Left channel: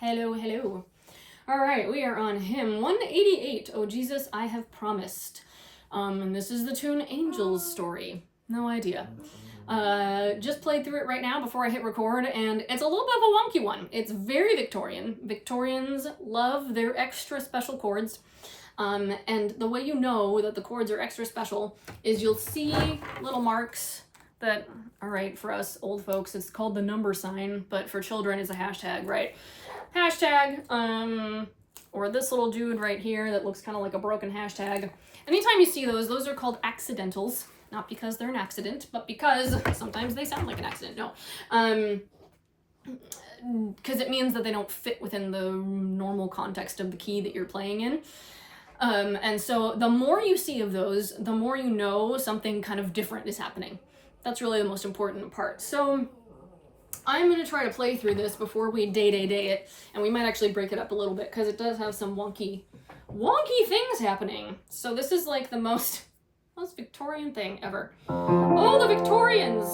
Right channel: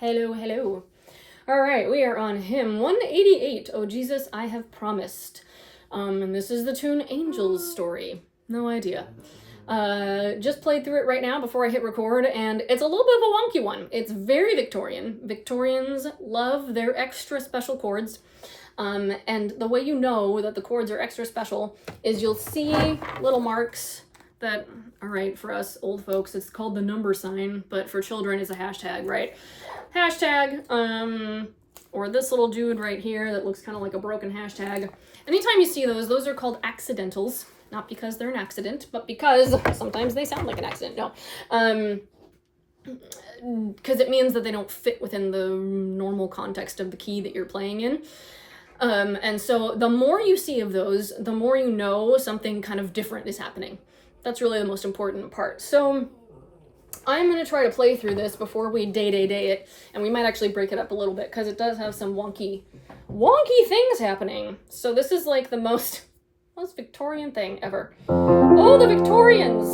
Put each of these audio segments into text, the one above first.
Hello, hello. All right, we are on hymn 188, Oh Jesus, I Have Promised. And this is the tune Angel's Story. No idea. Just played through it right now before I hit record, and it's a little bit of a wonky one. It's very Victorian. Victorians love their extra special chords. And the way you know that the chords are extra special is you'll see little marks that, all right, for us old folks, it's called the number sign, but for children it's a hashtag, right? Hashtag, or this little dude right here that looks kind of like a broken hashtag. Anytime you see those are called accidentals. Not because they're an accident, but because sometimes they sound like an accident. No. Because it means that they don't fit within the normal context of the key that you're playing in. And so the more you see of those, the more you know something kind of different is happening. That's really the most important part. So I'm going to try to play through this before we day it, and we might actually break it up a little bit because it does have some wonky things happening. So this is like the most Victorian thing ever. Oh, the Victorians!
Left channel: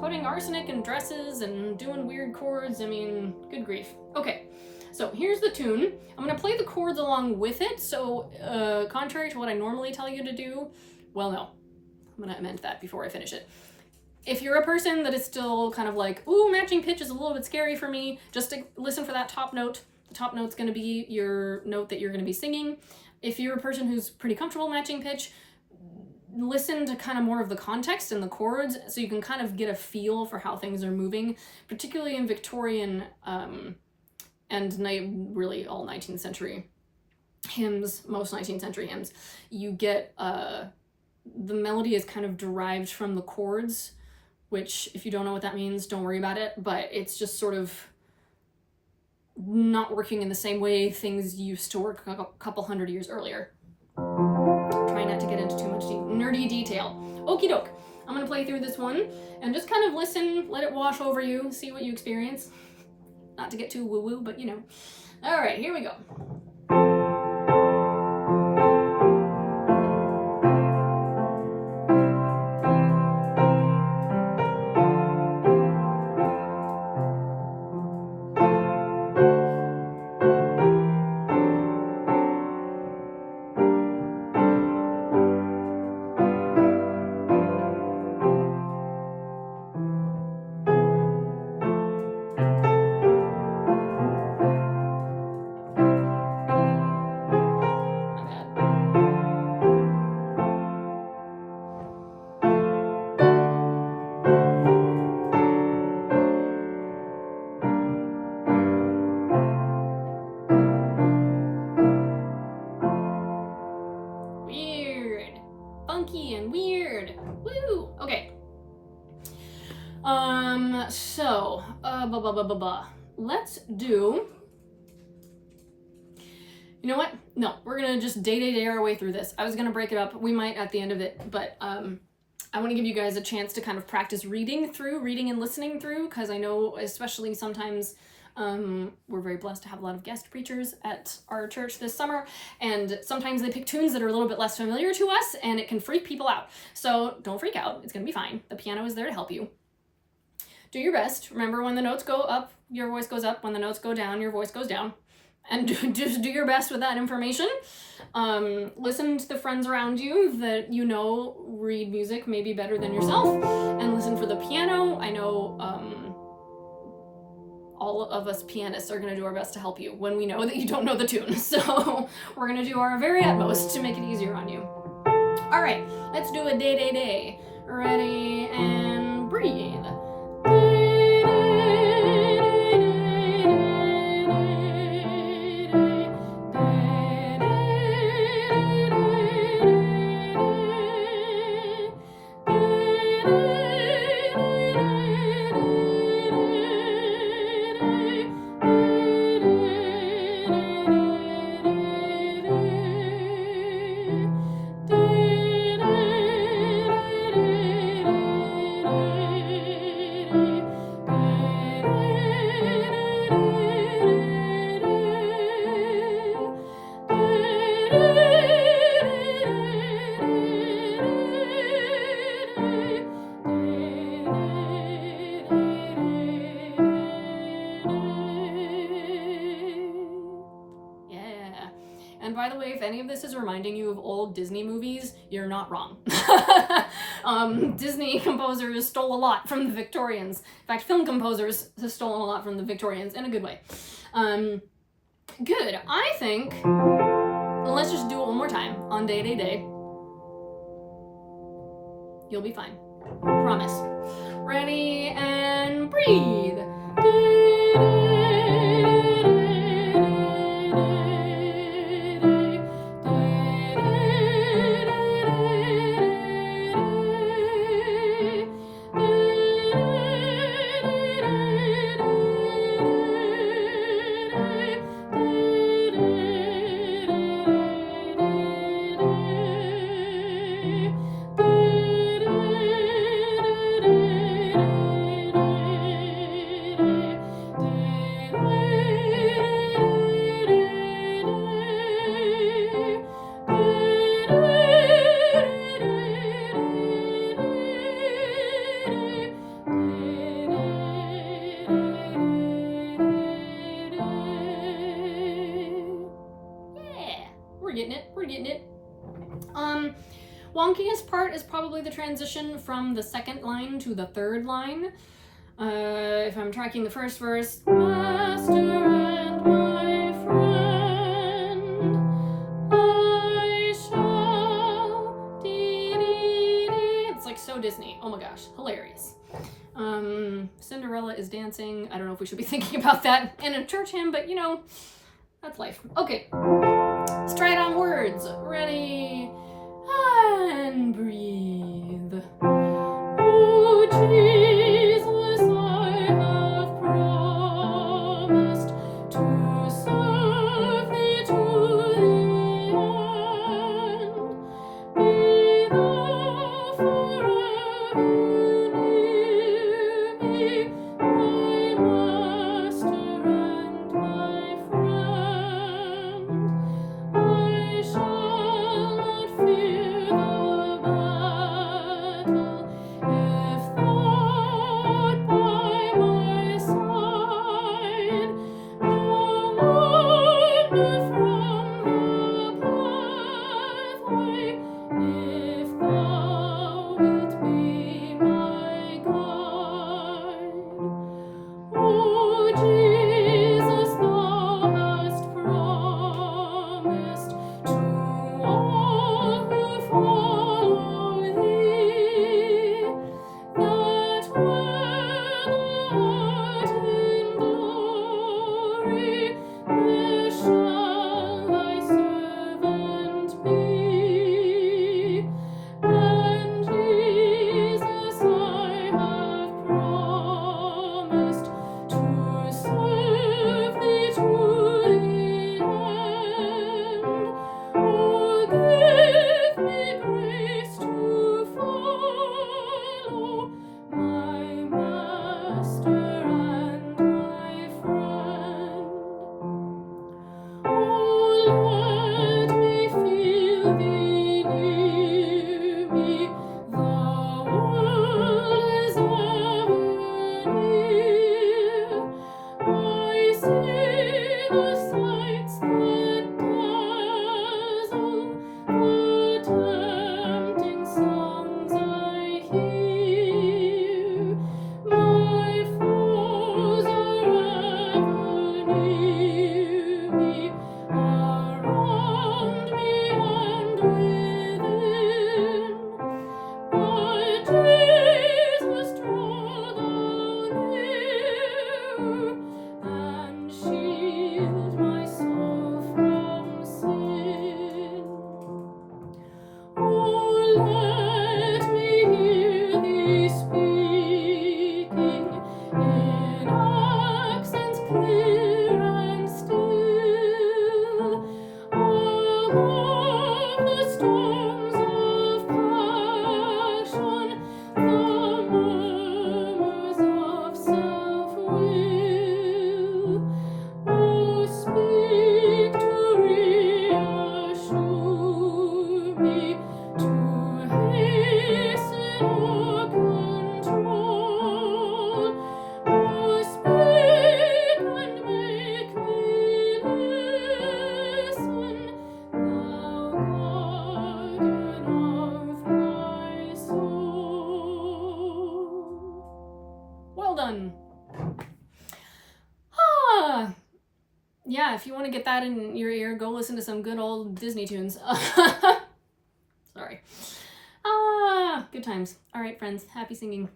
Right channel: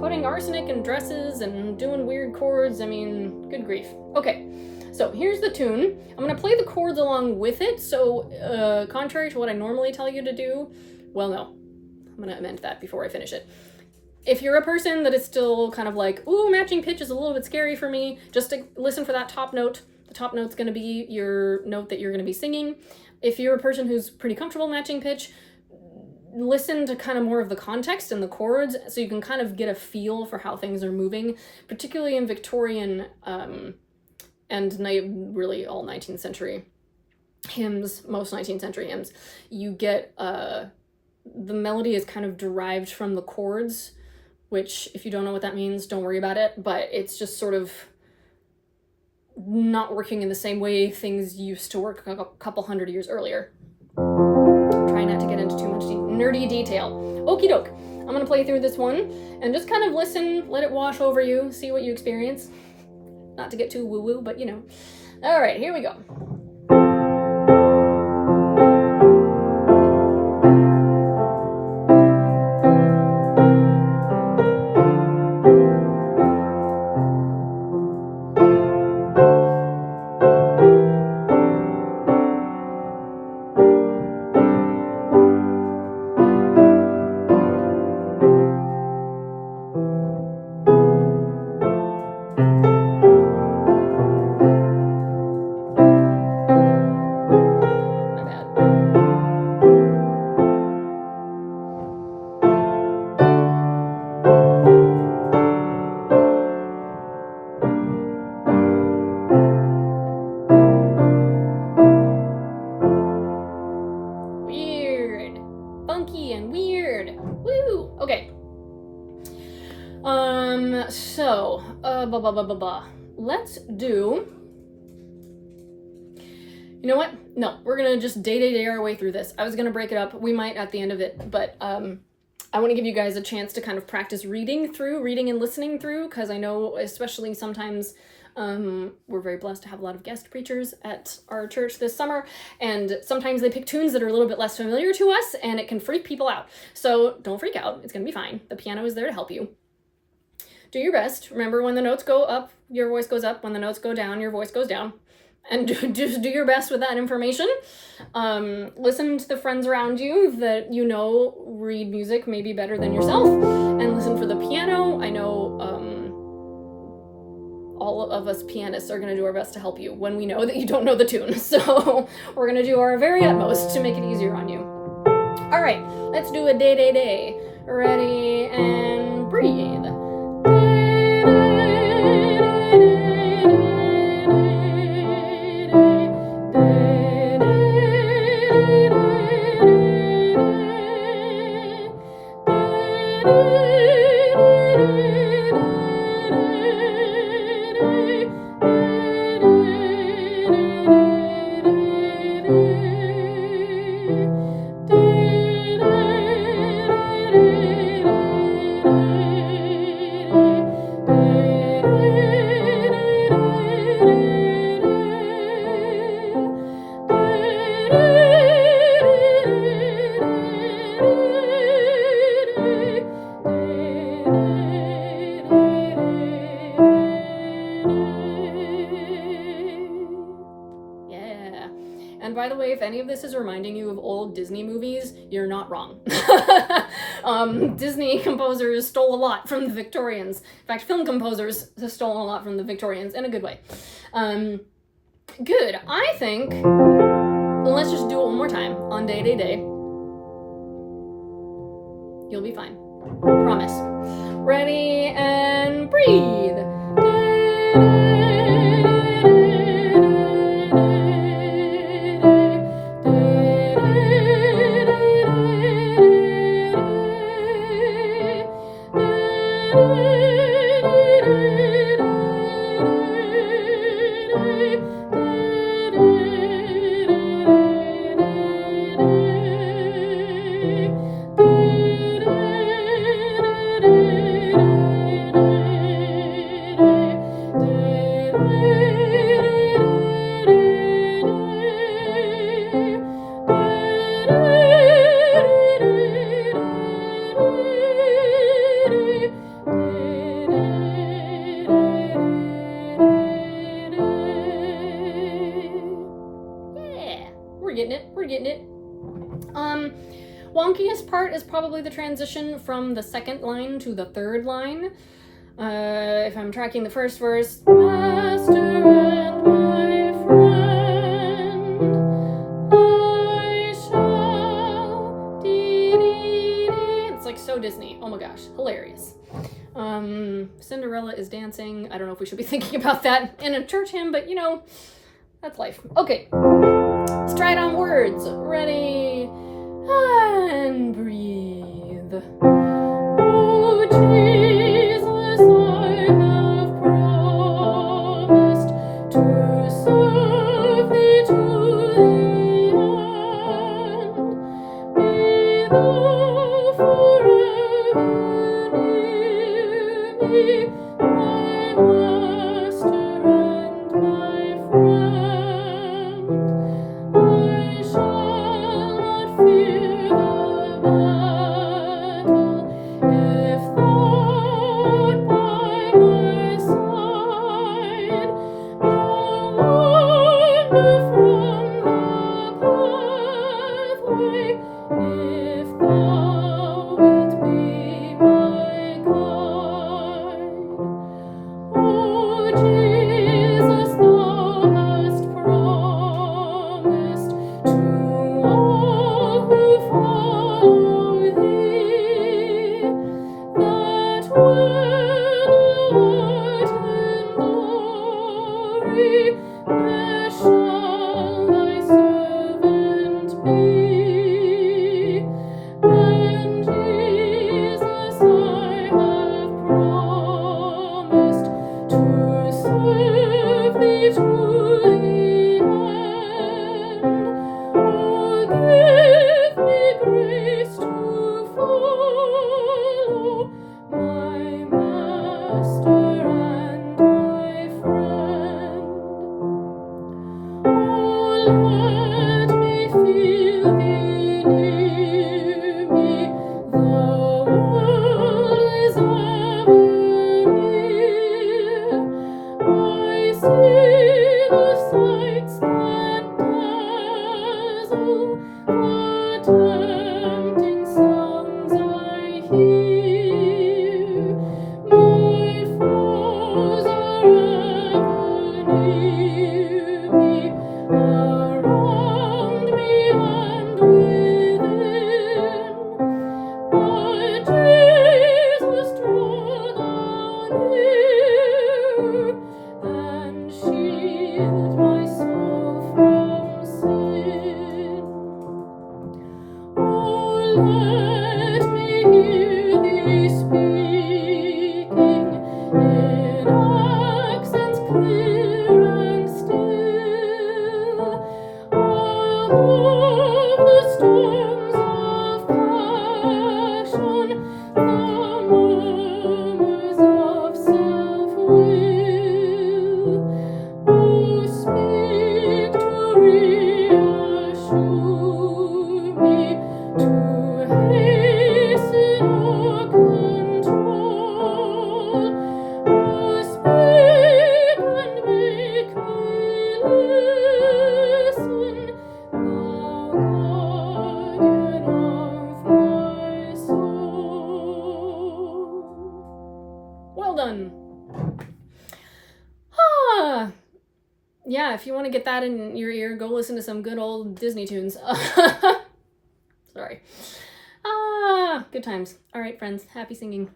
Putting arsenic in dresses and doing weird chords. I mean, good grief. Okay, so here's the tune. I'm going to play the chords along with it, so contrary to what I normally tell you to do, well, no. I'm going to amend that before I finish it. If you're a person that is still kind of like, ooh, matching pitch is a little bit scary for me, just to listen for that top note. The top note's going to be your note that you're going to be singing. If you're a person who's pretty comfortable matching pitch, listen to kind of more of the context and the chords so you can kind of get a feel for how things are moving, particularly in Victorian and really all 19th century hymns, most 19th century hymns. You get the melody is kind of derived from the chords, which if you don't know what that means, don't worry about it, but it's just sort of not working in the same way things used to work a couple hundred years earlier. Try not to get into too much nerdy detail. Okie doke. I'm going to play through this one and just kind of listen, let it wash over you, see what you experience. Not to get too woo-woo, but you know. All right, here we go. Funky and weird. Woo! Okay. Let's do... You know what? No, we're gonna just day our way through this. I was gonna break it up. We might at the end of it, but I want to give you guys a chance to kind of practice reading and listening through, because I know especially sometimes we're very blessed to have a lot of guest preachers at our church this summer, and sometimes they pick tunes that are a little bit less familiar to us, and it can freak people out. So don't freak out. It's gonna be fine. The piano is there to help you. Do your best. Remember, when the notes go up, your voice goes up. When the notes go down, your voice goes down. And just do your best with that information. Listen to the friends around you that you know read music maybe better than yourself, and listen for the piano. I know all of us pianists are going to do our best to help you when we know that you don't know the tune. So we're going to do our very utmost to make it easier on you. All right, let's do a day. Ready and breathe. And by the way, if any of this is reminding you of old Disney movies, you're not wrong. Disney composers stole a lot from the Victorians. In fact, film composers have stolen a lot from the Victorians in a good way. Good. I think let's just do it one more time on day, day, day. You'll be fine. Promise. Ready and breathe. We're getting it. Wonkiest part is probably the transition from the second line to the third line. If I'm tracking the first verse, Master and my friend, I shall dee. It's like so Disney. Oh my gosh, hilarious. Cinderella is dancing. I don't know if we should be thinking about that in a church hymn, but you know, that's life. Okay. Let's try it on words. Ready and breathe. Oh, Jesus, I have promised to serve thee to the end. Be thou forever near me, my Master and my friend. I shall not fear the battle if thou art by my side. I'll wander from the pathway if thou wilt be my guide. Oh, Jesus, thou hast promised to all who follow thee, that when thou art in glory, there shall thy servant be. And Jesus, I have promised to serve thee to the end. Oh, give me grace to follow my Master and my friend. Oh, let me feel thee near me. The world is ever near. I see the sights that dazzle, the tempting sounds I hear. My foes are ever near me, around me and within. But Jesus, draw thou near and shield my soul from sin. Oh, let me hear thee speaking in accents clear and still. Above the storms of passion, the murmurs of self-will. Oh, speak to reassure me, to hasten or control. Oh, speak and Ah, yeah, if you want to get that in your ear, go listen to some good old Disney tunes. Sorry. Ah, good times. All right, friends, happy singing.